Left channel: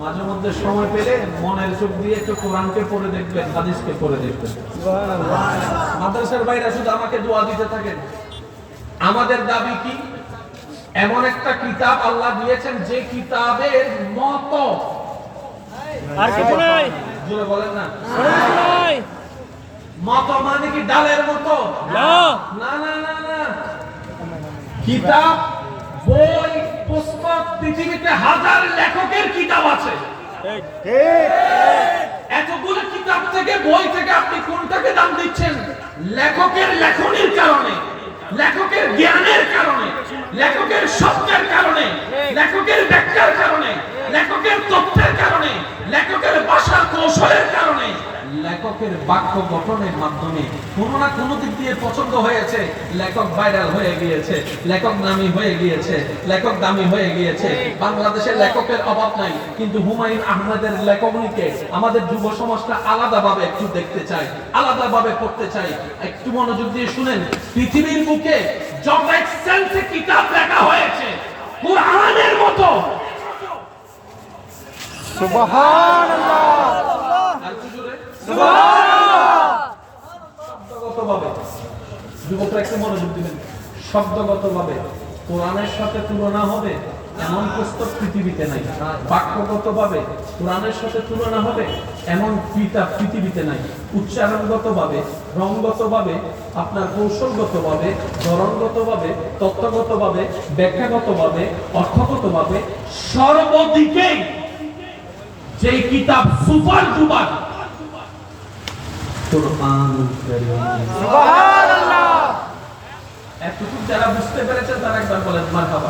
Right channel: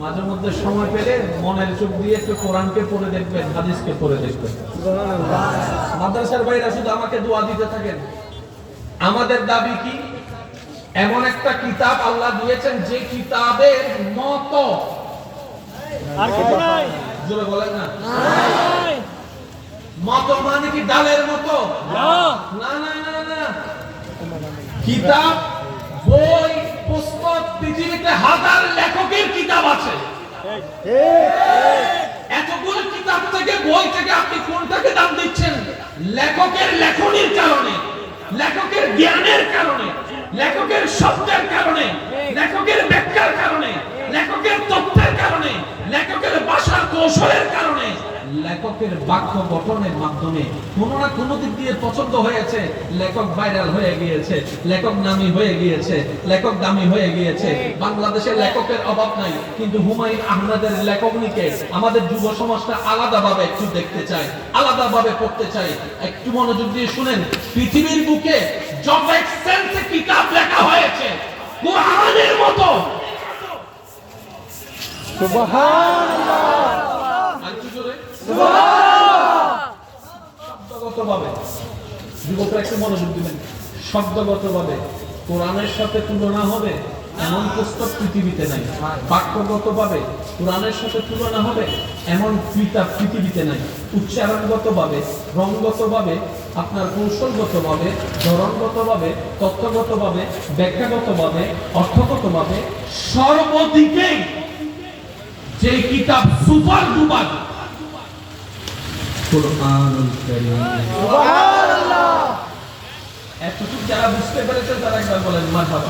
মাঝে মধ্যে সময় পেলে মনের চোখ দিয়ে একটু কোরআনকে পড়ে দেখবেন হাদিসকে পড়ে দেখবেন মাদ্রাসার বাইরে শুধু আমাকে দোয়া দিতে থাকেন। আমাদের দাবি কি? এমন একটা কিতাব আল্লাহ দিয়েছেন যে কিতাবের মতো। জোরে বলেন না। মতো মানে কি ডালের মতো? না। না না না কিতাব বই পুস্তক পৃথিবীতে হাজার লেখকের কিতাব আছে। এতগুলো কিতাব থেকে বই থেকে আপনি কোনটাকে দাম দিচ্ছেন? লেখকের লেখনির কারণে লেখকের জ্ঞানের কারণে। লেখকের শব্দের কারণে লেখকের ব্যাখ্যার কারণে লেখকের তথ্যের কারণে লেখকের ভাষার কৌশলের কারণে লেখকের বাক্য গঠনের মাধ্যমে কোনো না কোনো দিক দিয়ে পছন্দ হয়েছে। লেখক ভাইরাল হয়ে গিয়েছে লেখক নামি হয়ে গিয়েছে লেখক দামি হয়ে গিয়েছে। বাংলাদেশের লেখকের অভাব নাই কিন্তু হুমায়ুন আহমেদের লেখকনিকে আমাদের যুব সমাজটা আলাদাভাবে একটু দেখতে চাই আলাদাভাবে পড়তে চাই একটু মনোযোগ দিয়ে শুনেন পৃথিবীর বুকে যত এক্সেন্সে কিতাব লেখা হয়েছে, কোরআনের মতো। শব্দগতভাবে কোরআনের সাথে তুলনা হবে এমন পুস্তক পৃথিবীতে নাই। বাক্যগতভাবে, কোরআনের সাথে তুলনা হবে এমন কিতাব পৃথিবীতে নাই। উচ্চারণগতভাবে রঙগতভাবে আপনার কৌশলগতভাবে ধরনগতভাবে তত্ত্বগতভাবে ব্যাখ্যাগতভাবে অর্থগতভাবে সর্বদিকেই যে কিতাব সুপার কারীম। এতটুকু যারা বুঝতে পেরেছে তারা একবার বলেন মারহাবা।